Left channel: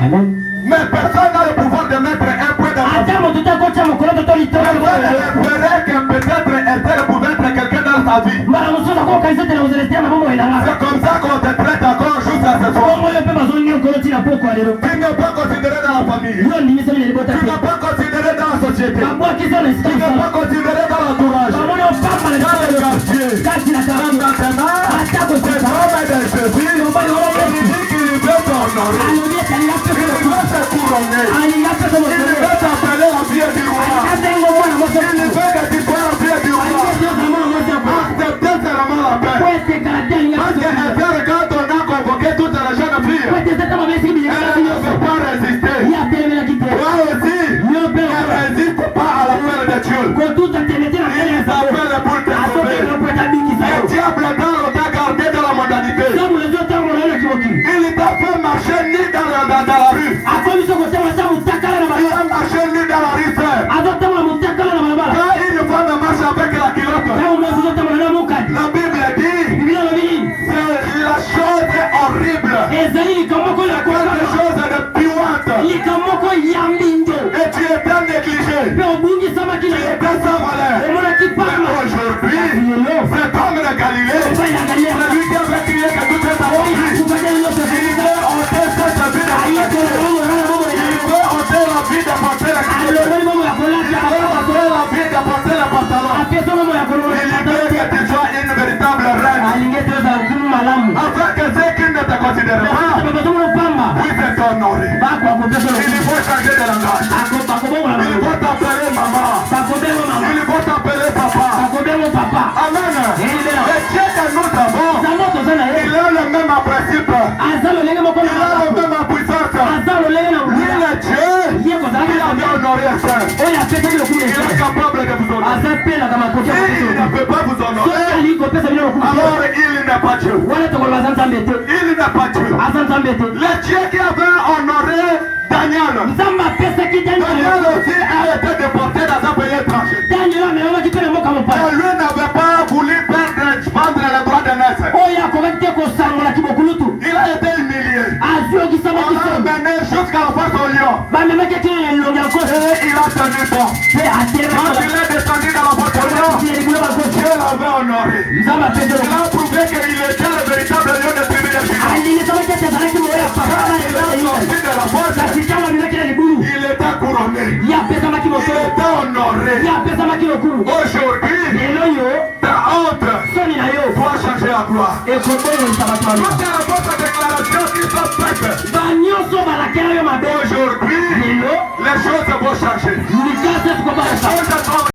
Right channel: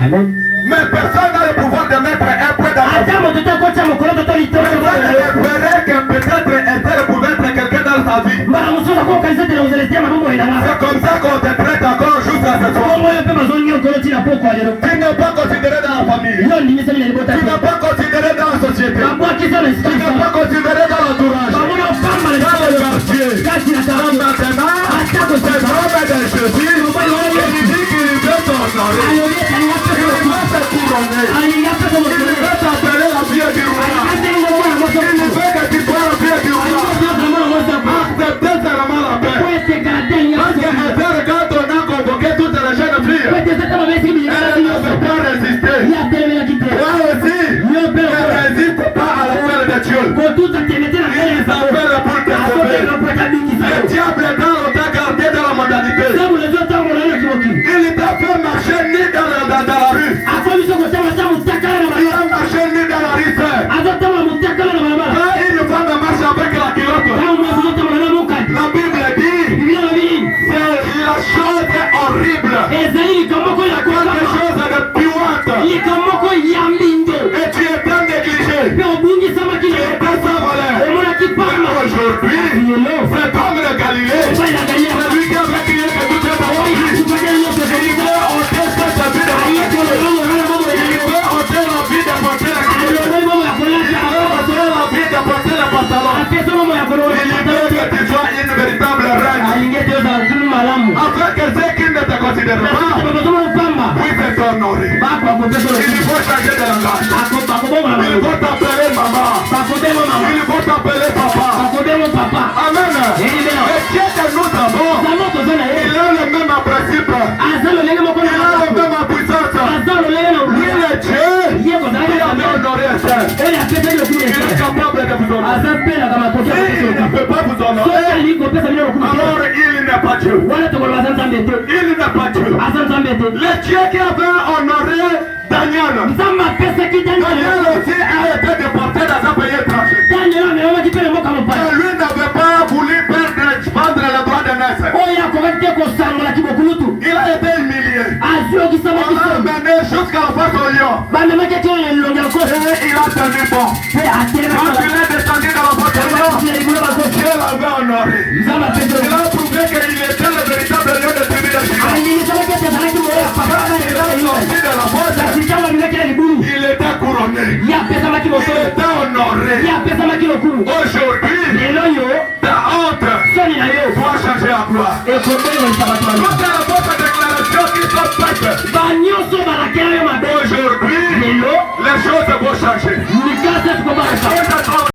Amen. Mais personne n'a le pouvoir de mettre un point dans la vie. Peut-être un tel pouvait être quelqu'un dans sa vie. C'est comme ça qu'on te traite encore jusqu'à ce soir. Tu n'es pas considéré dans la famille. Tu n'es pas considéré dans la société. Tu n'es pas considéré dans l'entourage. Dans le quartier. Maintenant, c'est l'homme de Jésus. Il dit qu'il veut t'honorer. Il veut te couronner. Il veut t'appeler la fille du roi. Il veut que tu sois la fille du roi. Acceptez seulement la paix. Parce que Esther, quand on a convoqué toutes les jeunes filles, elle ne veut pas résister. Toi aussi, ne résiste pas à l'appel de Dieu. Il s'appelle pour te sauver. Le diable t'a gardé dans la modalité. Il t'a fait marcher ni dans la rue. Il a marché ni dans la rue. Quand une femme marche avec la culotte, la Bible dit, c'est la chose horrible. C'est quelque chose de puante. Et tu étais négligé. Tu étais sans valeur. Aujourd'hui, cet homme de Galilée, celui qui avait crié que tout est à lui, il veut ôter cette vie de porter. Il veut ôter la vie de porter la culotte. Il veut ôter la vie de porter le pantalon. Il veut que tu sois une véritable reine. Afin que ceux qui ne te considèrent pas puissent t'honorer. Il faut changer de langage. Il faut t'appeler maman. Il faut t'appeler papa. Amen. Et Dieu que nous avons, il a le même principe. Il a la même puissance. Lui le Dieu, il a honoré un seul. Il est capable de vous honorer. S'il ne peut pas vous honorer, alors il n'est pas Dieu. Il n'est pas Dieu. Le Dieu qui avait honoré Daniel. Daniel aussi a été déporté dans un pays étranger. Lui n'avait pas voulu prendre le droit de naître. Il a été humilié. On l'a amené jusqu'à la face au lion. Et il a tenu bon. Quand il est descendu dans la face au lion, Dieu l'avait honoré. Il a prouvé qu'il était le véritable lion de tribu de Juda. Quand il est sorti de la porte, il était couronné. Il était honoré. Aujourd'hui, ta honte doit changer à gloire. Quand tu as votre déclaration qui sont faites, aujourd'hui, les choses vont changer. Les choses